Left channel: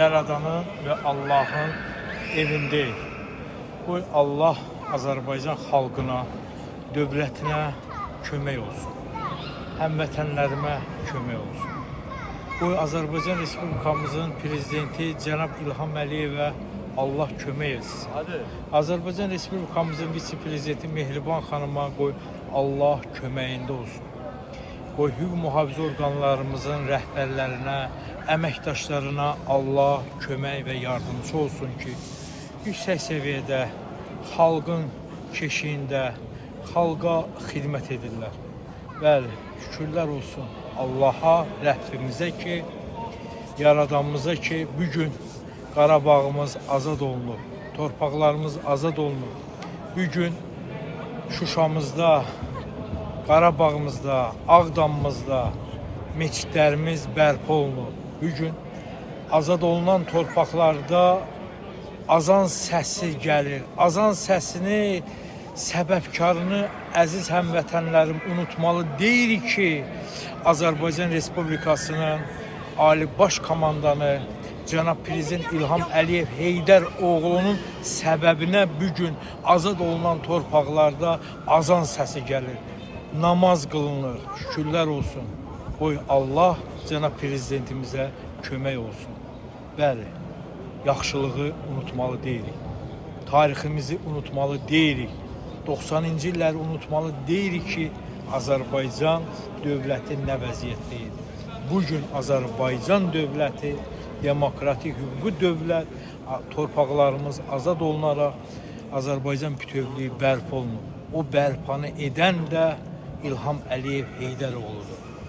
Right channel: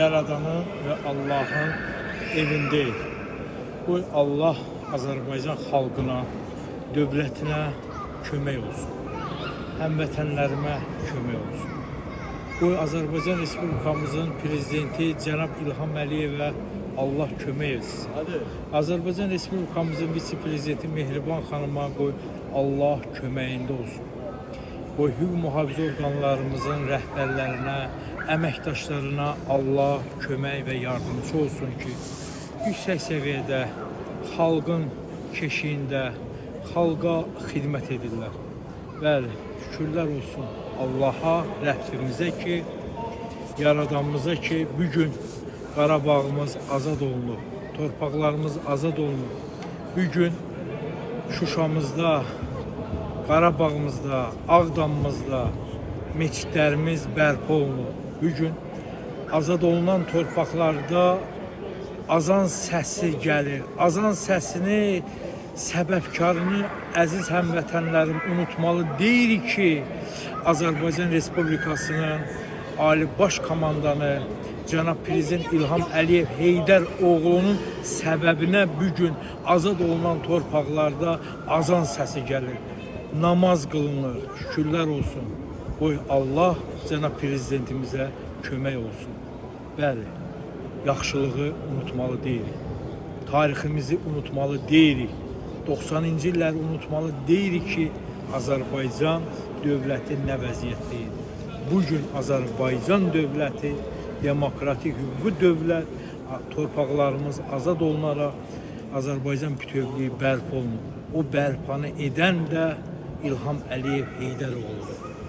Yaradanın ve Allah'ın evindeyik. Bu Allah Azərbaycan xalqına, dövlətinə kömək olsun. Həmvətənlərimə kömək olsun. Bu Azərbaycan Respublikamızın prezidenti Cənab İlham Əliyevə Allah kömək etsin. Azərbaycan Respublikamızın vitse-prezidenti Mehriban xanıma qoy Allah köməyində olsun. Qoy hüquq mühafizə orqanlarımızın rəhbərlərinə, əməkdaşlarına Allah kömək və yardımcı olsun ki, yüksək səviyyədə xalqın keşiyində xalqa xidmət edirlər. Bəli, şükürlər olsun Allaha, Rəbbimizə ki, Yaradanımıza ki, bugün Qarabağımız azad olunur, torpaqlarımız azad olunur. Bugün Şuşamızda, Qarabağımızda, Ağdamımızda meçidlərimiz bərpa olunur. Bugün azad olunan torpaqlarda azan səsi gəlir. Azan səsini, səbəbkarını əziz həmvətənlərim unutmalı deyil ki, Azərbaycan Respublikasının Ali Baş Komandanı Cənab Prezident İlham Əliyev Heydər oğlunun səbəbinə bugün azad olunan torpaqlarda azan səsi gəlir. Namaz qılınır, şükürlər olsun. Qoy Allah Cənab Prezidentimizə kömək olsun. Bəli, yaxşılığı unutmalı deyilik. Tariximizi unutmalı deyilik. 90-cı illəri unutmalı deyilik ki, Azərbaycan dövləti nə vəziyyətdəyir. Bugün Azərbaycan dövləti, demokratik hüquqi dövlət, torpaqlarımız azad olunaraq Azərbaycan bütövlüyü bərpa olunur. O bərpanı edən də İlham Əliyev Heydər oğludur.